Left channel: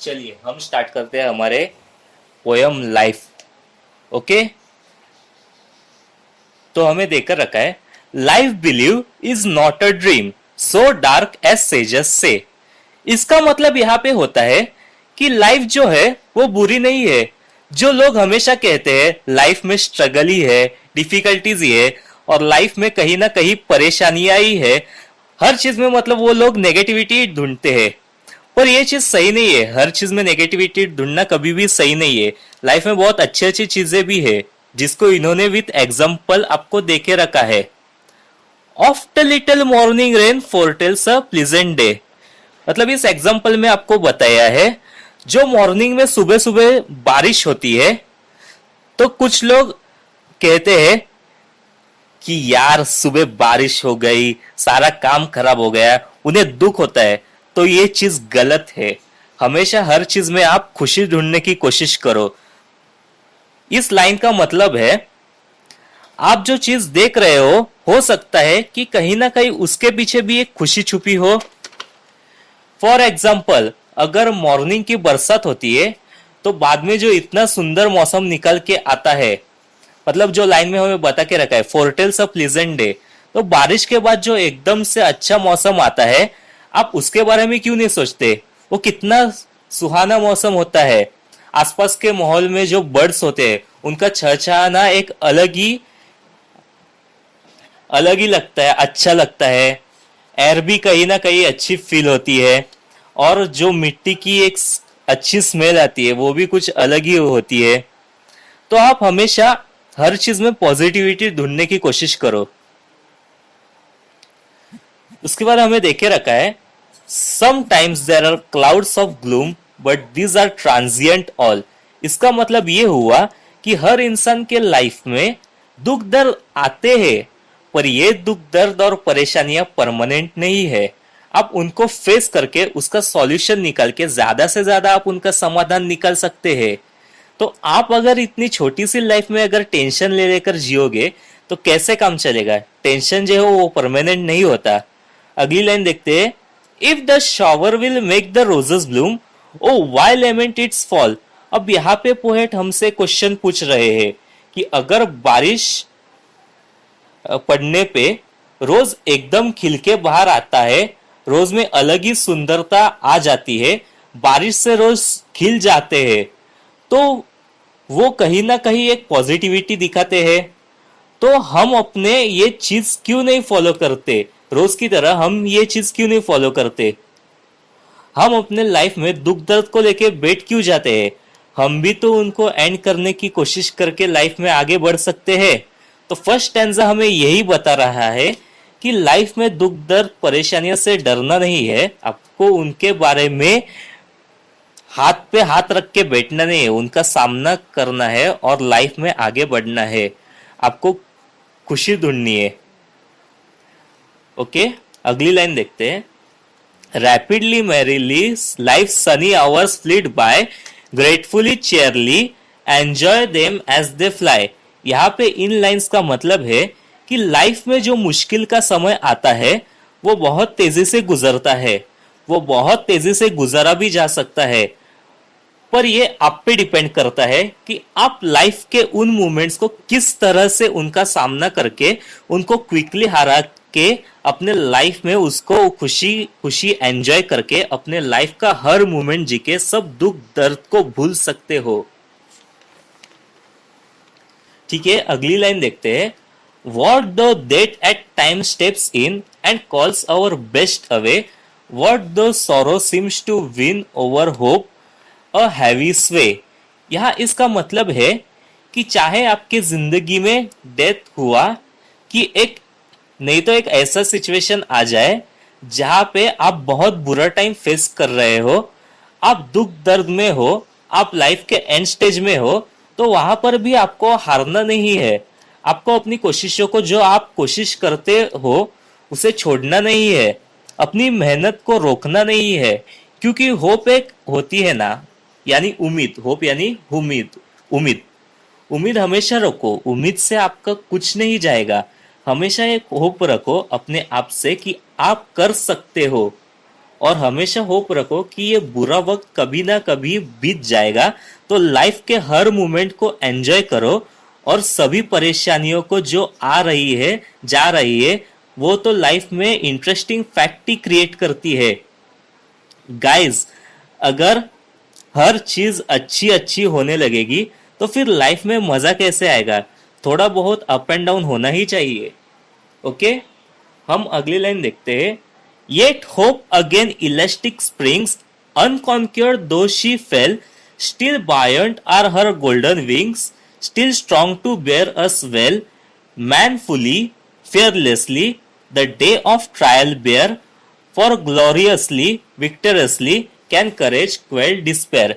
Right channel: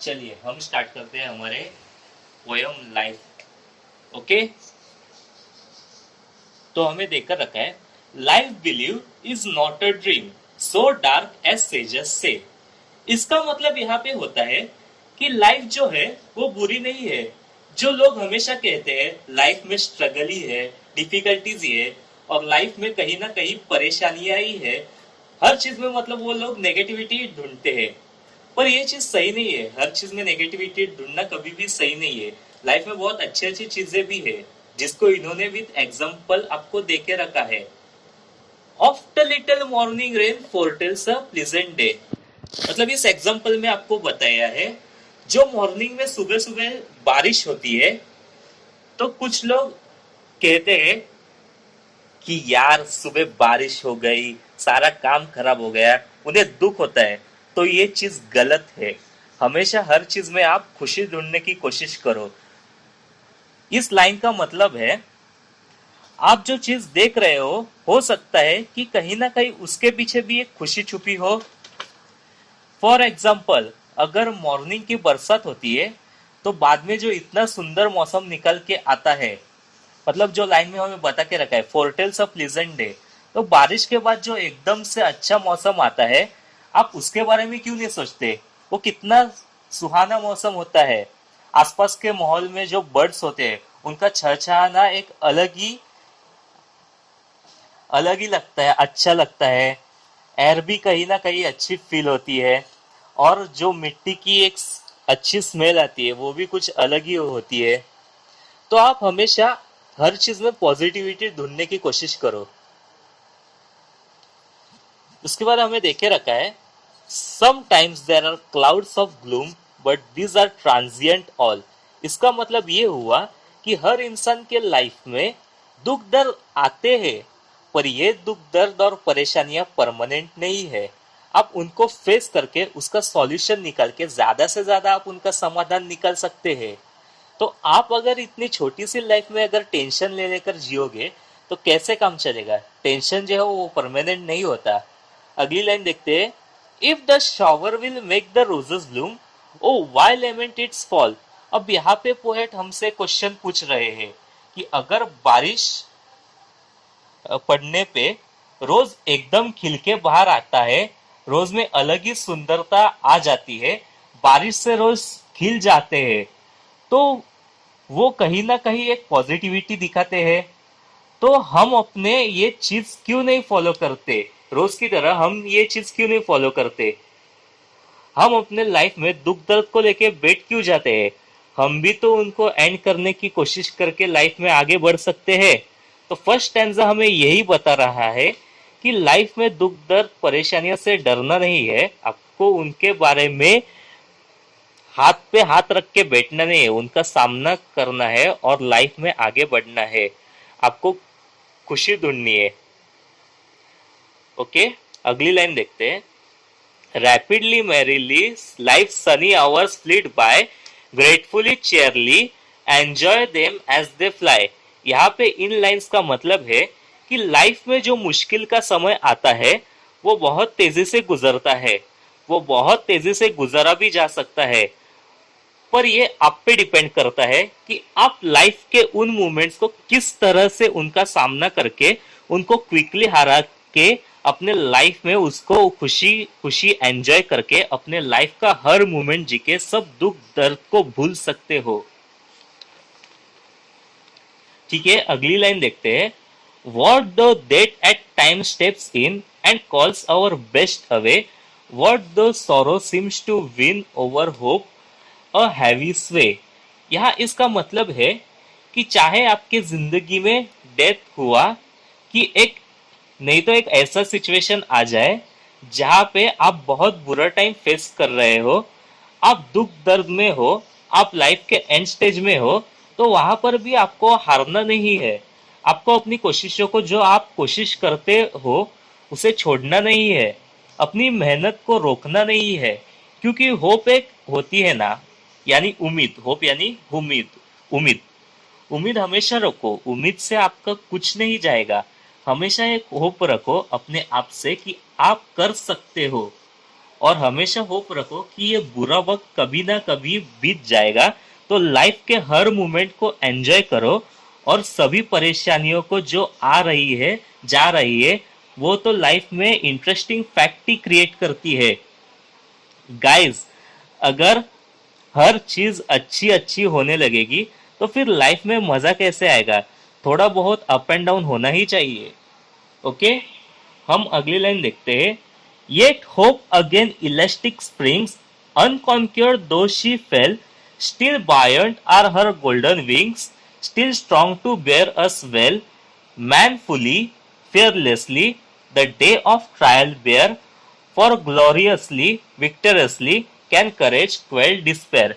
चलिए हम स्टार्ट करते हैं हमारे पोयम लाइफ। ओके, तो हमें देकर रखा है, life believe is not a dream so dark as sages say. इसका मतलब यहाँ पे होता है कि लाइफ जो है वो बुरी नहीं है। जो लोग हमेशा कहते हैं लाइफ में स्ट्रगल ही है, डिफिकल्टीज ही है, और लाइफ में कहीं ना कहीं परेशानियां ही है, हर चीज में मतलब वो लोग नेगेटिविटी ढूंढते हैं। पर ये चीज सही नहीं है, हर चीज में नेगेटिविटी ढूंढना कभी भी सही नहीं है। लाइफ में बहुत अच्छी अच्छी चीजें भी है जिसको इन्होंने विथ एग्जाम्पल आपको देके रखा है। ऑफ्टर लिटिल मॉर्निंग रेन फोरटेल्स अ प्लीजेंट डे। मतलब इस एग्जाम्पल में आपको बताया है, जो मॉर्निंग में सुबह सुबह बारिश होती है तो कुछ लोग कहते हैं कि यार सुबह बारिश हो गई, सारा काम खराब हो गया, उन्हें दुख होता है। तो ये चीज गलत है। हमेशा हर चीज में आप खुशी ढूंढने की कोशिश करो। इस लाइन का मतलब है, आप जो चीज देख रहे हो सकता है कि कहीं ना कहीं उसके पीछे भी एक खुशी छुपी हो। फॉर एग्जाम्पल, अगर मॉर्निंग की बरसात होती है तो बाद में जो इतना सुंदर मौसम निकल के आता है, मतलब जो लाइन में हमें बता के रखा है फोरटेल्स ऑफ प्लीजेंट डे, तो बारिश के बाद जो एकदम से अच्छा मौसम आता है, आप उसके बारे में क्यों नहीं सोचते? वो कितना सुहाना मौसम होता है। आसपास के माहौल में जो बर्ड्स होते हैं उनका छहछहाना एक अलग ही लगता है, अच्छा लगता है। एयर भी कहीं ना कहीं अच्छी फील होती है, और जो मिट्टी की एक अच्छी स्मेल आती है वो भी कुछ अलग ही होती है। तो आप हमेशा हर चीज में पॉजिटिविटी ढूंढने की कोशिश करो। उसके बाद हमें देखे रखा है, sometimes there are clouds of gloom but these are transient all. इसका मतलब ये हुआ कि हर इंसान के लाइफ में दुख दर्द आते हैं, पर ये दुख दर्द और परेशानियां परमानेंट नहीं है। आप उनको फेस करके उसका सॉल्यूशन निकाल के ज्यादा से ज्यादा आप उनका समाधान निकाल सकते हैं। तो आप अगर इतनी छोटी सी लाइफ में अगर टेंशन ले लेकर जियोगे तो कैसे काम चलेगा? टेंशन जो है वो परमानेंट नहीं होता। अगली लाइन देखते हैं, if the shower will make the roses bloom, O why lament its fall. अब यहाँ पे पोएट हमसे क्वेश्चन पूछ रहे हैं कि अगर बारिश पड़ने पे रोज एकदम खिल के बाहर आता है, रोज में अलग ही सुंदरता आ जाती है, बारिश से रोज खिल जाते हैं, तो वो कहीं ना कहीं एक पॉजिटिविटी दिखाते हैं। तो हम अपने ये चीज क्यों नहीं फॉलो करते? रोज की तरह हम ये चीज क्यों नहीं फॉलो करते? हम अपने लाइफ में दुख दर्द को लेके बैठ क्यों जाते हैं? हम भी तो उनको एंड करने की कोशिश करके लाइफ में आगे बढ़ सकते हैं। तो फर्स्ट स्टैंजा हमें यही बता रहा है कि लाइफ में दुख दर्द परेशानियों से डरना नहीं है, आपको उनके बारे में हाथ पे हाथ रख के बैठना नहीं है, उनका सामना करना है और लाइफ में आगे बढ़ना है। आपको खुशी ढूंढनी है। ओके, अगली लाइन देखते हैं, rapidly merrily life sunny hours flit by, gratefully cheerily enjoy them as they fly. यहाँ पे इन लाइंस का मतलब है कि लाइफ में जो मुश्किल का समय आता है वो बहुत तेजी से गुजरता है, वो बहुत तेजी से गुजरा भी जा सकता है, पर ये आप पे डिपेंड करता है कि आप लाइफ के उन मोमेंट्स को किस तरह से उनका सामना करके उनको क्विकली हरा के अपने लाइफ में उसको खुशी खुशी एंजॉय करके अपने लाइफ का हर मोमेंट जी के सब दुख दर्द को भूल सकते हो। ठीक है, अगली लाइन देखते हैं, what though death at time steps in and calls our best away, what though sorrow seems to win over hope a heavy sway. यहाँ इसका मतलब है कि चाहे आपके जिंदगी में डेथ हुआ, कि एक नहीं तो एक ऐसा सिचुएशन आ जाए जहां पे आप बहुत बुरा टाइम फेस कर रहे हो, आप दुख दर्द में हो, आप लाइफ के एंड स्टेज में हो, तो वहां पर भी आपको हारना नहीं है। आपको अपनी कोशिशों को, जो आप कोशिश करते हो उसे छोड़ना नहीं है, अपनी मेहनत को रोकना नहीं है। क्योंकि होप एक होती है ना, यानी उम्मीद, होप यानी उम्मीद, उम्मीद उम्मीद हमेशा रखो, उम्मीद से आपका कुछ नहीं जाएगा। हमेशा एक होप रखो अपने आप से कि आप कर सकते हो। और हमेशा होप रखो कि ये बुरा वक्त कभी ना कभी बीत जाएगा। तो लाइफ के हर मोमेंट को एंजॉय करो, और सभी परेशानियों को जो आ रही है जा रही है वो तो लाइफ में इंटरेस्टिंग फैक्ट ही क्रिएट करती है। गाइस, अगर हर चीज अच्छी अच्छी होने लगेगी तो फिर लाइफ में मजा कैसे आएगा? थोड़ा बहुत अप एंड डाउन होना ही चाहिए। ओके, हम अगली लाइन देखते हैं। Yet hope again elastic springs unconquered though she fell, still buoyant are her golden wings, still strong to bear us well, manfully, fearlessly, the day of trial bear, for gloriously, victoriously, can courage quell despair.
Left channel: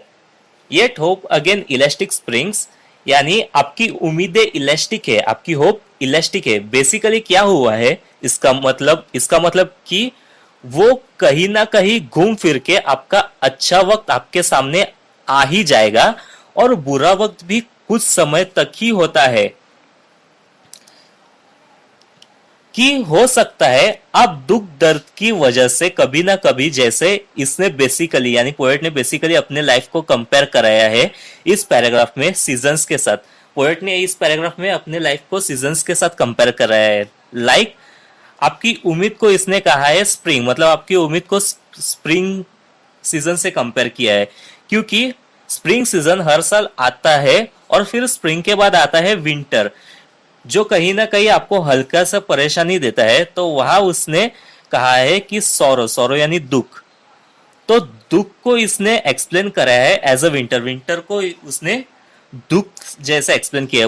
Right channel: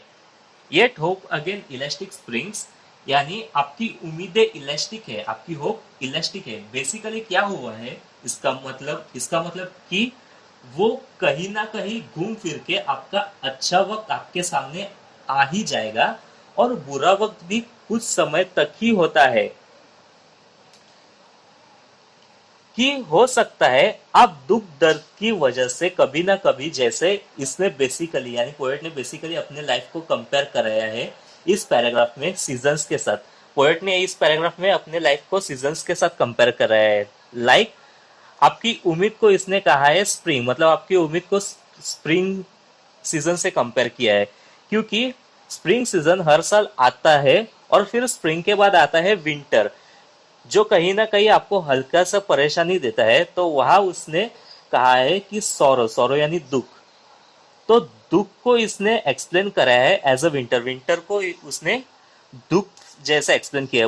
Yet hope again elastic springs, यानी आपकी उम्मीदें elastic है, आपकी hope elastic है। Basically क्या हुआ है, इसका मतलब कि वो कहीं ना कहीं घूम फिर के आपका अच्छा वक्त आपके सामने आ ही जाएगा, और बुरा वक्त भी कुछ समय तक ही होता है। कि हो सकता है आप दुख दर्द की वजह से कभी ना कभी, जैसे इसने बेसिकली यानी पोएट ने बेसिकली अपने लाइफ को कंपेयर कराया है इस पैराग्राफ में सीजन्स के साथ। पोएट ने इस पैराग्राफ में अपने लाइफ को सीजन्स के साथ कंपेयर कराया है। लाइक आपकी उम्मीद को इसने कहा है स्प्रिंग, मतलब आपकी उम्मीद को स्प्रिंग सीजन से कंपेयर किया है, क्योंकि स्प्रिंग सीजन हर साल आता है और फिर स्प्रिंग के बाद आता है विंटर, जो कहीं ना कहीं आपको हल्का सा परेशानी देता है। तो वहां उसने कहा है कि सौरो सौरो यानी दुख, तो दुख को इसने एक्सप्लेन करा है एज अ विंटर, विंटर को उसने दुख जैसा एक्सप्लेन किया।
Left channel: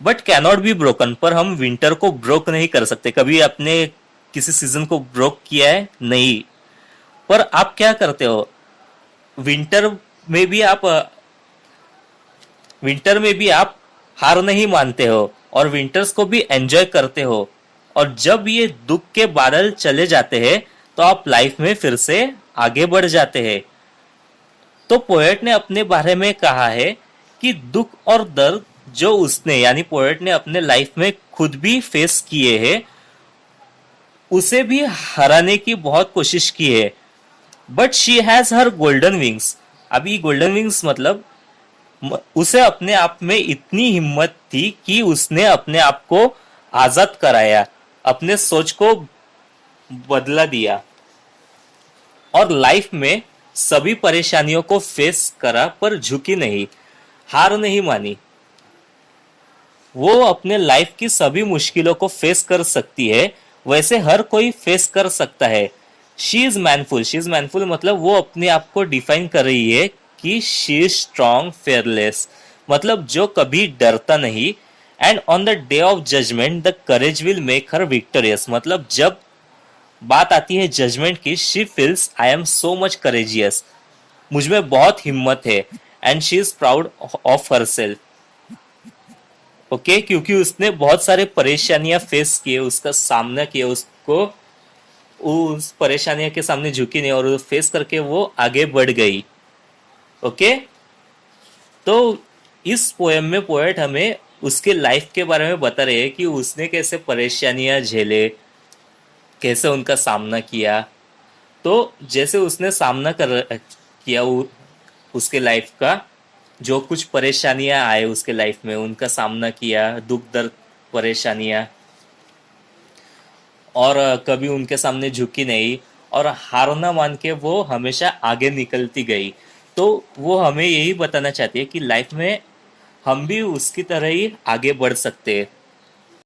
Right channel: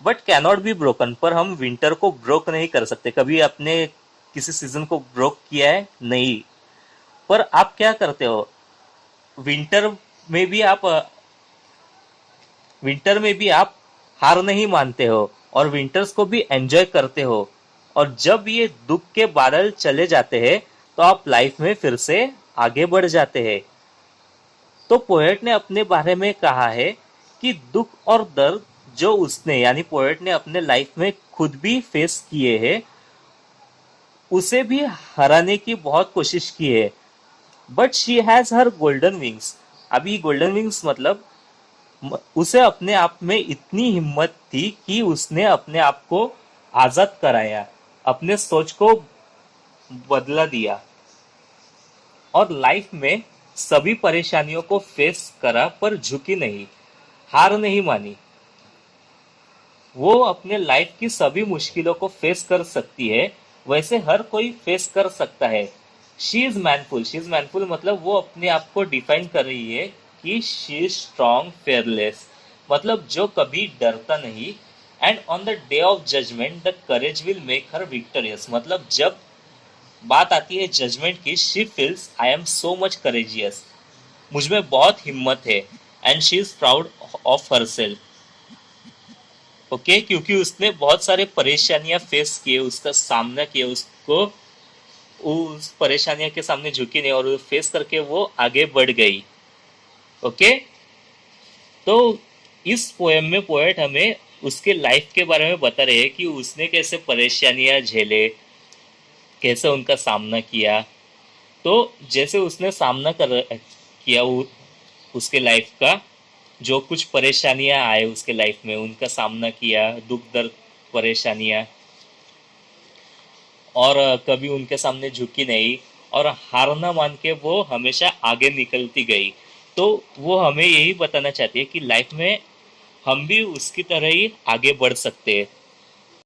बट कैनॉट बी ब्रोकन, पर हम विंटर को ब्रोक नहीं कर सकते। कभी आपने किसी सीजन को ब्रोक किया है? नहीं। पर आप क्या करते हो, विंटर में भी आप विंटर में भी आप हार नहीं मानते हो और विंटर्स को भी एंजॉय करते हो। और जब ये दुख के बादल चले जाते हैं तो आप लाइफ में फिर से आगे बढ़ जाते हैं। तो पोएट ने अपने बारे में कहा है कि दुख और दर्द जो उसने यानी पोएट ने अपने लाइफ में खुद भी फेस किए हैं, उसे भी हराने की बहुत कोशिश की है। But she has her golden wings. अभी गोल्डन विंग्स मतलब उसे अपने आप में इतनी हिम्मत थी कि उसने अपने आप को आजाद कराया, अपने सोच को बदला दिया, और लाइफ में सभी परेशानियों को फेस करा पर झुकी नहीं, हार नहीं मानी। वो अपने लाइफ की सभी मुश्किलों को फेस कर सकती है, वैसे हर कोई फेस कर सकता है। शी इज मैनफुल, शी इज मैनफुल मतलब वो अपने आप को डिफाइन कर रही है कि शी इज स्ट्रॉन्ग फेयरलेस, मतलब जो कभी डरता नहीं। And on the day of judgment the courage will make her victorious, मतलब जब बात आती है जजमेंट की, she feels I am so much courageous, मुझ में बहुत हिम्मत है। And she is proud of her self. Okay, क्योंकि उसने बहुत सारे परेशानियां फेस किए, उसका सामना किया, उसको उस परेशानियों के सामने झुकी नहीं और फेस करके वो आगे बढ़ गई। ओके, तो इस पोएम में पोएट हमें उसके लाइफ के बारे में बता रहे हैं कि उसने कैसे परेशानियां झेले, कैसे उनका सामना किया। तो जैसे उसने सामना किया उसके लाइफ का, जो कुछ परेशानियां आए उसके लाइफ में, उनका सामना किया, दुख दर्द परेशानियां, और कभी उनके सामने झुकी नहीं और हार ना मान के वो हमेशा आगे निकलती गई। तो वो हमें यही बताना चाहती है कि लाइफ में हम भी उसकी तरह ही आगे बढ़ सकते हैं।